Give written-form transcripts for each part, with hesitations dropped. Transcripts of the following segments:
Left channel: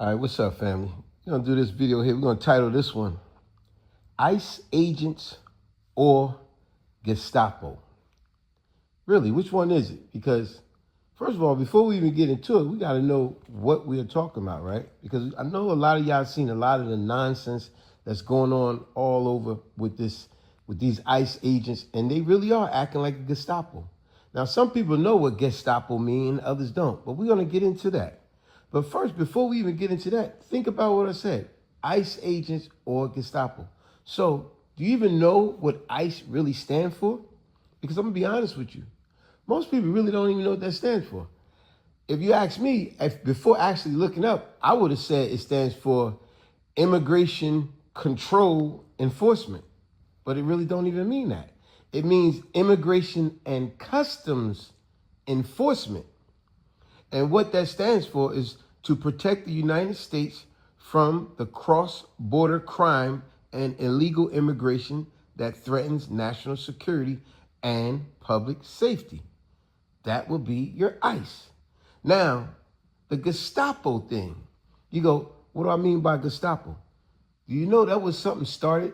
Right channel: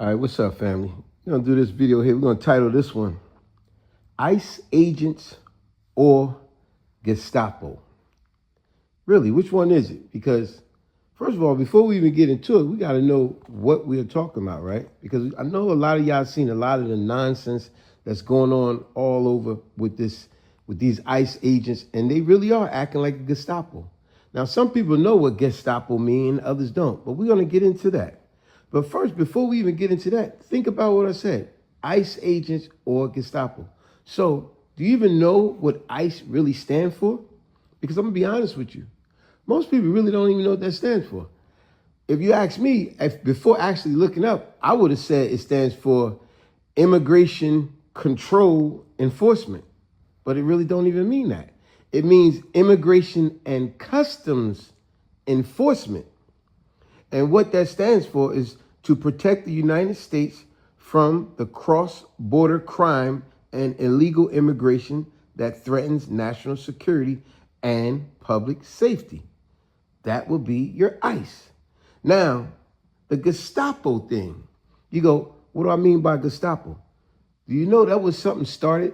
All right, what's up, family? We're going to do this video here. We're going to title this one, ICE Agents or Gestapo. Really, which one is it? Because, first of all, before we even get into it, we got to know what we're talking about, right? Because I know a lot of y'all seen a lot of the nonsense that's going on all over with these ICE agents, and they really are acting like a Gestapo. Now, some people know what Gestapo mean, others don't, but we're going to get into that. But first, before we even get into that, think about what I said, ICE agents or Gestapo. So do you even know what ICE really stands for? Because I'm going to be honest with you. Most people really don't even know what that stands for. If you ask me, before actually looking up, I would have said it stands for Immigration Control Enforcement. But it really don't even mean that. It means Immigration and Customs Enforcement. And what that stands for is to protect the United States from the cross-border crime and illegal immigration that threatens national security and public safety. That will be your ICE. Now, the Gestapo thing, you go, what do I mean by Gestapo? Do you know that was something started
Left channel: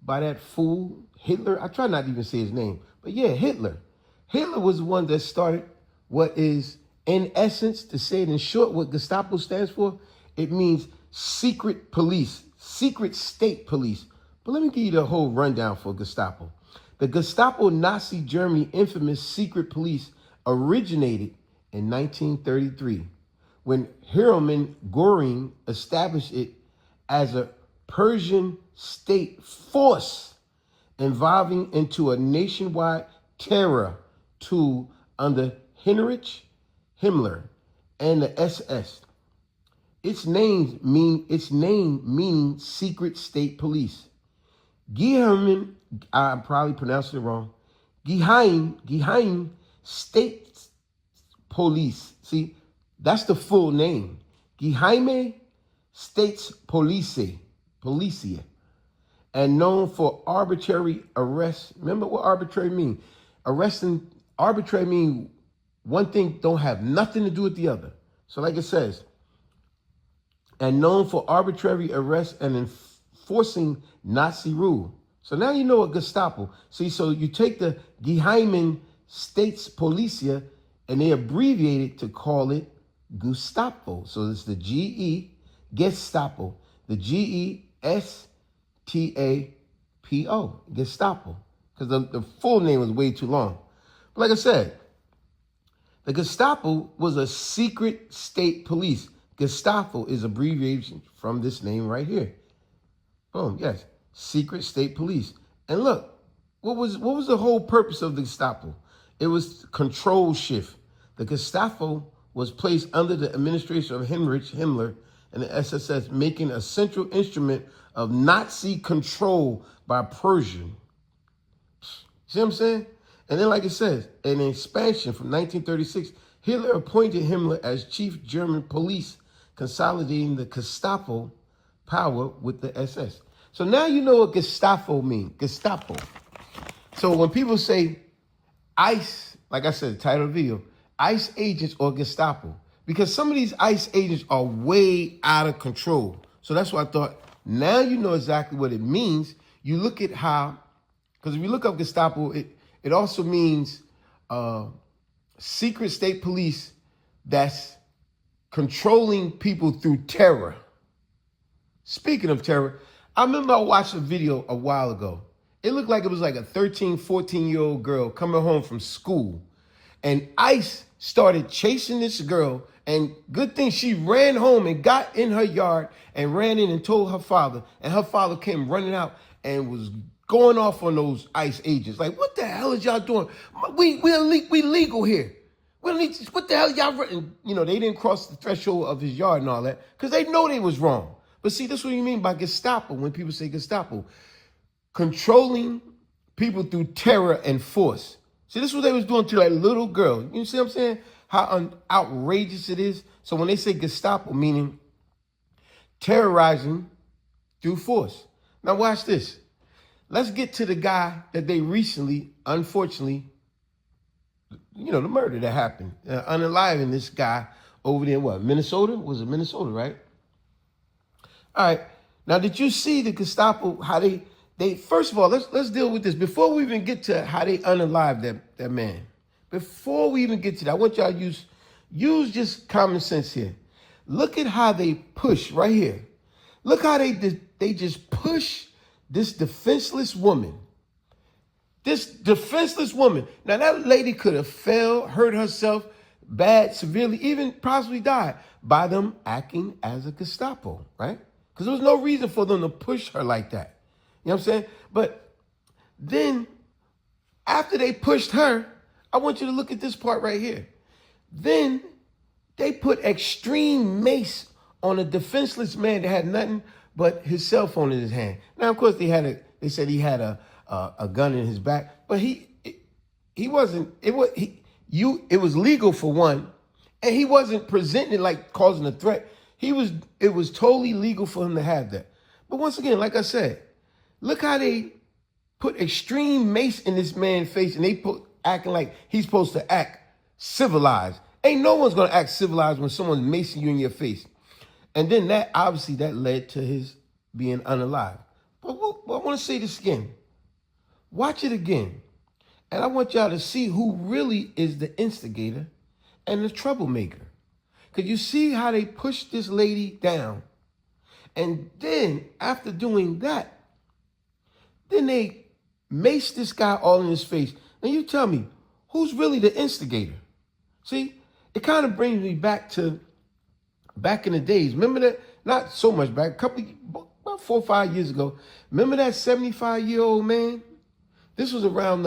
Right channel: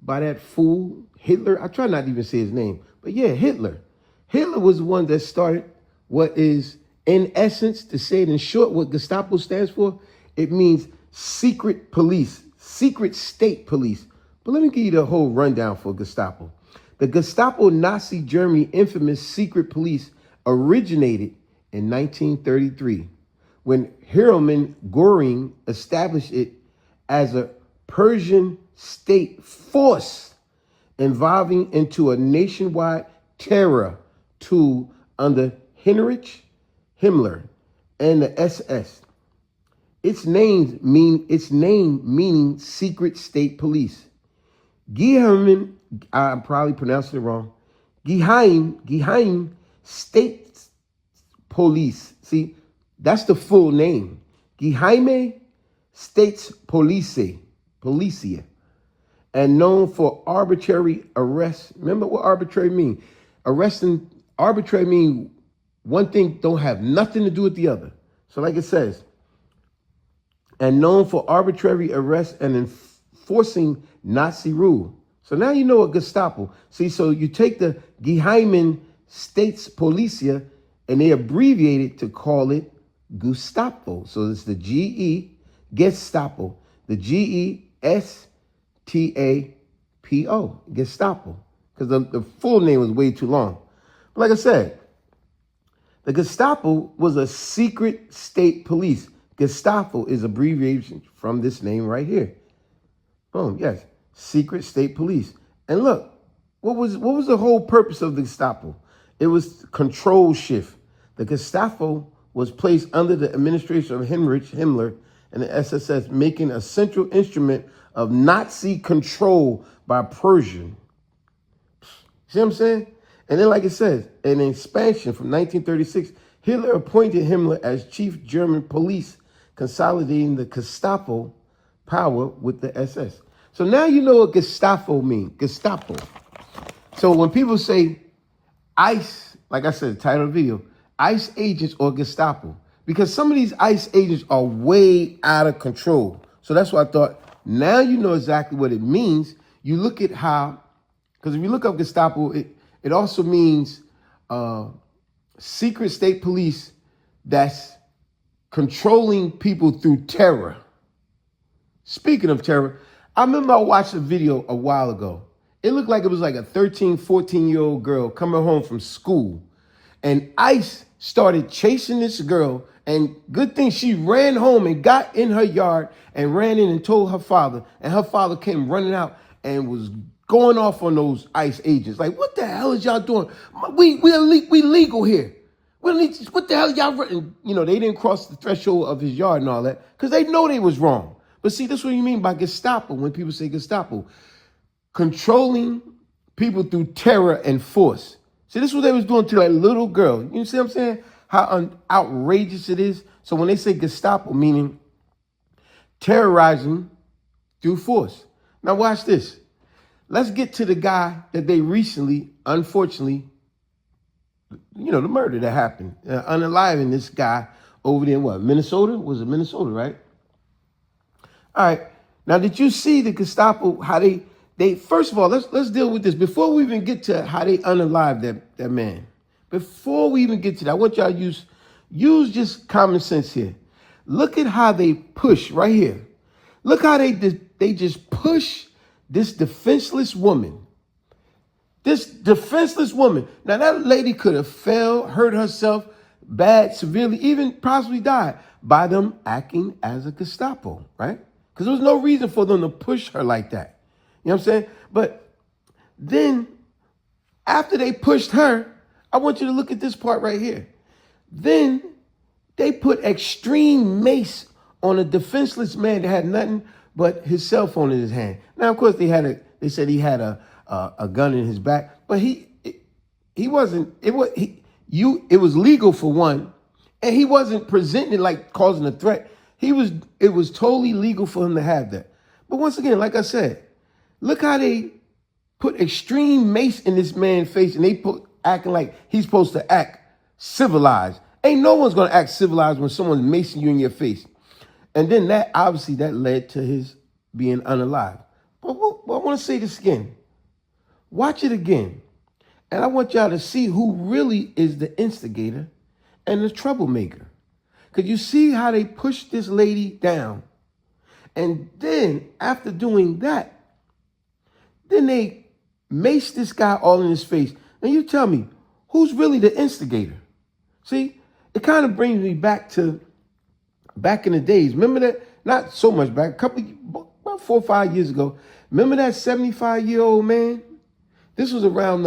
by that fool, Hitler? I try not to even say his name, but yeah, Hitler. Hitler was the one that started what is, in essence, to say it in short, what Gestapo stands for, it means secret police, secret state police. But let me give you the whole rundown for Gestapo. The Gestapo Nazi Germany infamous secret police originated in 1933 when Hermann Göring established it as a Prussian state force evolving into a nationwide terror tool under Heinrich Himmler and the SS. Its name meaning secret state police. Geheim, I'm probably pronouncing it wrong. Geheim State Police. See, that's the full name. Geheime Staatspolizei. And known for arbitrary arrest. Remember what arbitrary mean? Arbitrary mean one thing don't have nothing to do with the other. So like it says, and known for arbitrary arrest and enforcing Nazi rule. So now you know what Gestapo. See, so you take the Geheimen Staatspolizei and they abbreviate it to call it Gestapo. So it's the G-E, Gestapo, the G-E-S-T-A-P-O, Gestapo, because the full name was way too long. But like I said, the Gestapo was a secret state police. Gestapo is abbreviation from this name right here. Boom, yes, secret state police. And look, what was the whole purpose of the Gestapo? It was control shift. The Gestapo was placed under the administration of Heinrich Himmler and the SS, making a central instrument of Nazi control by Prussia. See what I'm saying? And then, like it says, an expansion from 1936, Hitler appointed Himmler as chief German police, consolidating the Gestapo power with the SS. So now you know what Gestapo means, Gestapo. So when people say ICE, like I said, the title of the video, ICE agents or Gestapo, because some of these ICE agents are way out of control. So that's why I thought, now you know exactly what it means. You look at how, because if you look up Gestapo, it also means secret state police that's controlling people through terror. Speaking of terror, I remember I watched a video a while ago. It looked like it was like a 13, 14-year-old girl coming home from school. And ICE started chasing this girl. And good thing she ran home and got in her yard and ran in and told her father. And her father came running out and was going off on those ICE agents. Like, what the hell is y'all doing? We legal here. What the hell y'all running? You know, they didn't cross the threshold of his yard and all that because they know they was wrong. But see, that's what you mean by Gestapo when people say Gestapo. Controlling people through terror and force. See, this is what they was doing to that little girl. You see what I'm saying? How outrageous it is. So when they say Gestapo, meaning terrorizing through force. Now watch this. Let's get to the guy that they recently, unfortunately, you know, the murder that happened. Unaliving this guy over there in what? Minnesota? Was it Minnesota, right? All right. Now, did you see the Gestapo, how they first of all, let's deal with this. Before we even get to how they unalived that man, before we even get to that, I want y'all to use just common sense here. Look at how they push right here. Look how they just push this defenseless woman. This defenseless woman. Now, that lady could have fell, hurt herself bad, severely, even possibly died by them acting as a Gestapo, right? Because there was no reason for them to push her like that. You know what I'm saying? But then, after they pushed her, I want you to look at this part right here. Then, they put extreme mace on a defenseless man that had nothing but his cell phone in his hand. Now, of course, they said he had a gun in his back, but he wasn't. It was legal for one, and he wasn't presenting it like causing a threat. It was totally legal for him to have that. But once again, like I said, look how they put extreme mace in this man's face, and they acting like he's supposed to act civilized. Ain't no one's gonna act civilized when someone's macing you in your face. And then that led to his being unalived. But I want to say this again. Watch it again. And I want y'all to see who really is the instigator and the troublemaker. Because you see how they pushed this lady down. And then after doing that, then they maced this guy all in his face. Now you tell me, who's really the instigator? See, it kind of brings me back in the days. Remember that? Not so much back, about 4 or 5 years ago. Remember that 75-year-old man? This was around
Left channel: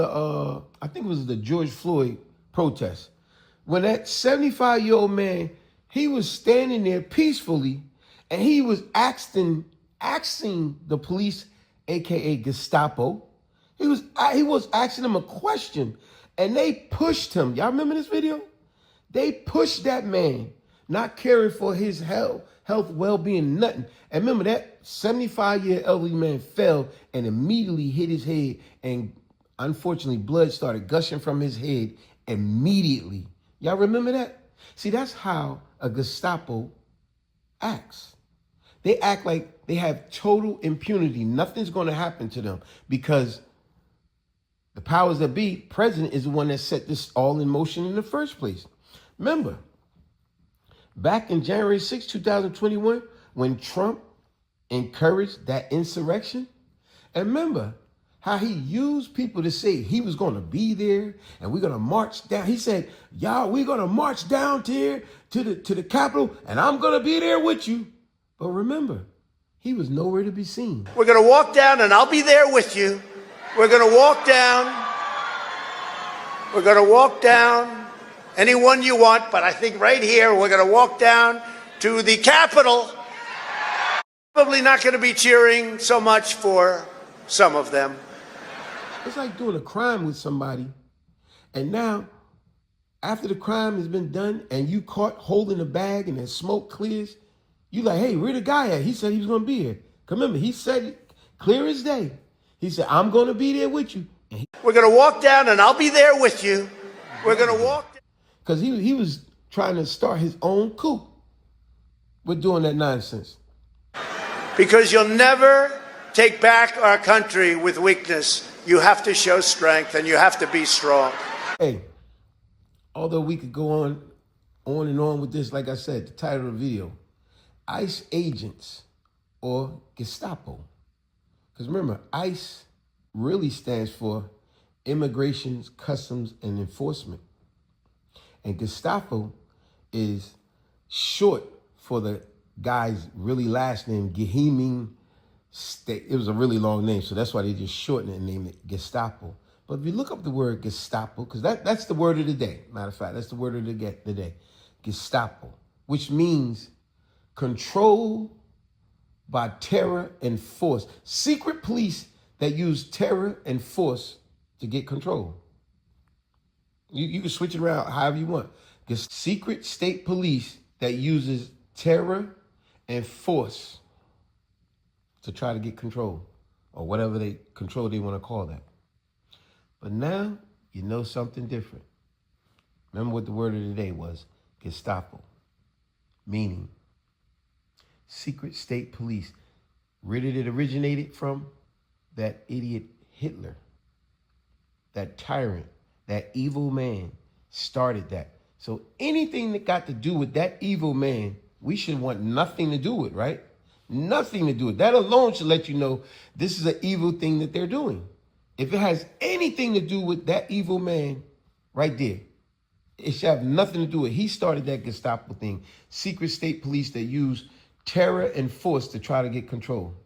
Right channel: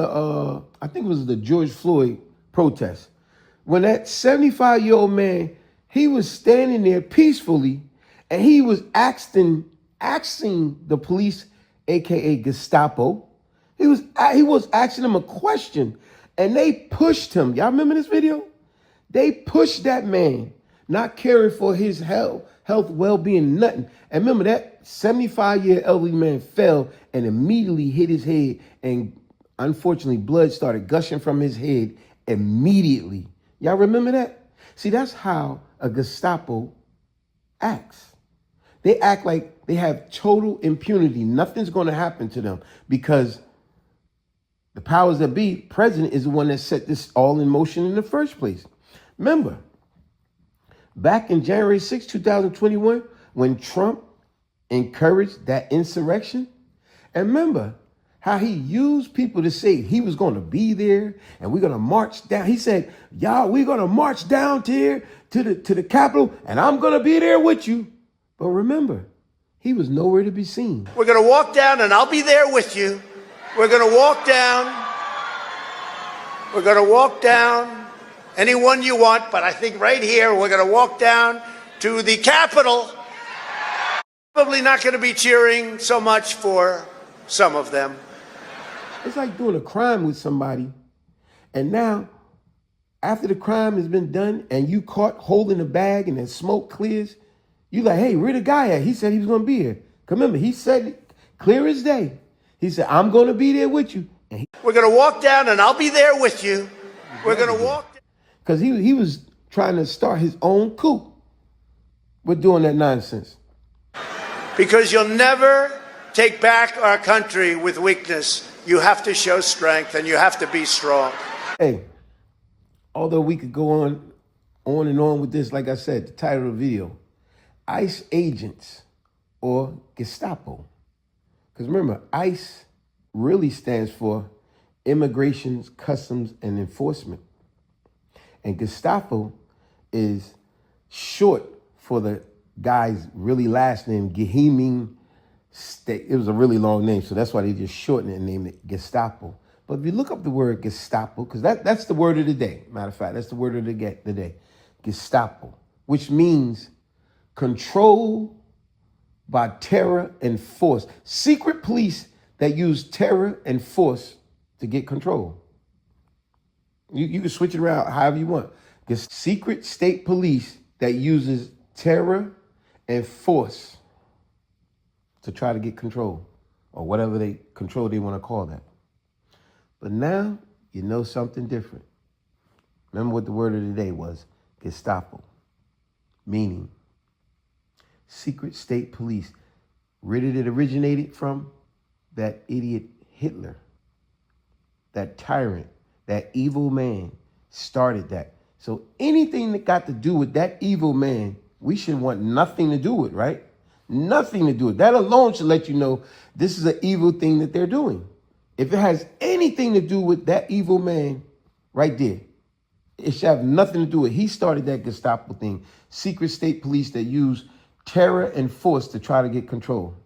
I think it was the George Floyd protest. When that 75-year-old man, he was standing there peacefully, and he was asking the police, aka Gestapo, he was asking them a question, and they pushed him. Y'all remember this video? They pushed that man, not caring for his health, well-being, nothing. And remember, that 75-year elderly man fell and immediately hit his head, and unfortunately, blood started gushing from his head immediately. Y'all remember that? See, that's how a Gestapo acts. They act like they have total impunity. Nothing's going to happen to them because the powers that be, president, is the one that set this all in motion in the first place. Remember, back in January 6, 2021, when Trump encouraged that insurrection, and remember how he used people to say he was going to be there and we're going to march down. He said, y'all, we're going to march down here to the Capitol and I'm going to be there with you. But remember, he was nowhere to be seen. We're going to walk down and I'll be there with you. We're going to walk down. We're going to walk down anyone you want, but I think right here we're going to walk down to the Capitol. Probably not going to be cheering so much for some of them. It's like doing a crime with somebody, and now, after the crime has been done and you caught holding the bag and the smoke clears, you like, hey, where the guy at? He said he was going to be here. Remember, he said it clear as day. He said, I'm going to be there with you. We're going to walk down and I'll be there with you. We're going to walk. Because he was trying to start his own coup with doing that nonsense. Because you'll never take back our country with weakness. You have to show strength and you have to be strong. Hey, although we could go on and on with this, like I said, the title of the video, ICE agents or Gestapo. Because remember, ICE really stands for Immigration, Customs, and Enforcement. And Gestapo is short for the guy's really last name, Geheming. It was a really long name, so that's why they just shortened it and named it Gestapo. But if you look up the word Gestapo, because that's the word of the day. Matter of fact, that's the word of the day. Gestapo, which means control by terror and force. Secret police that use terror and force to get control. You can switch it around however you want. The secret state police that uses terror and force to try to get control, or whatever control they want to call that. But now you know something different. Remember what the word of the day was, Gestapo, meaning secret state police. Where did it originate from? That idiot Hitler, that tyrant, that evil man started that. So anything that got to do with that evil man, we should want nothing to do with, right? Nothing to do with. That alone should let you know this is an evil thing that they're doing. If it has anything to do with that evil man right there, it should have nothing to do with. He started that Gestapo thing. Secret state police that use terror and force to try to get control.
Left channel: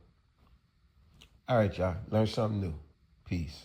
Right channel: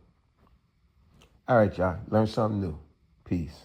All right, y'all. Learn something new. Peace.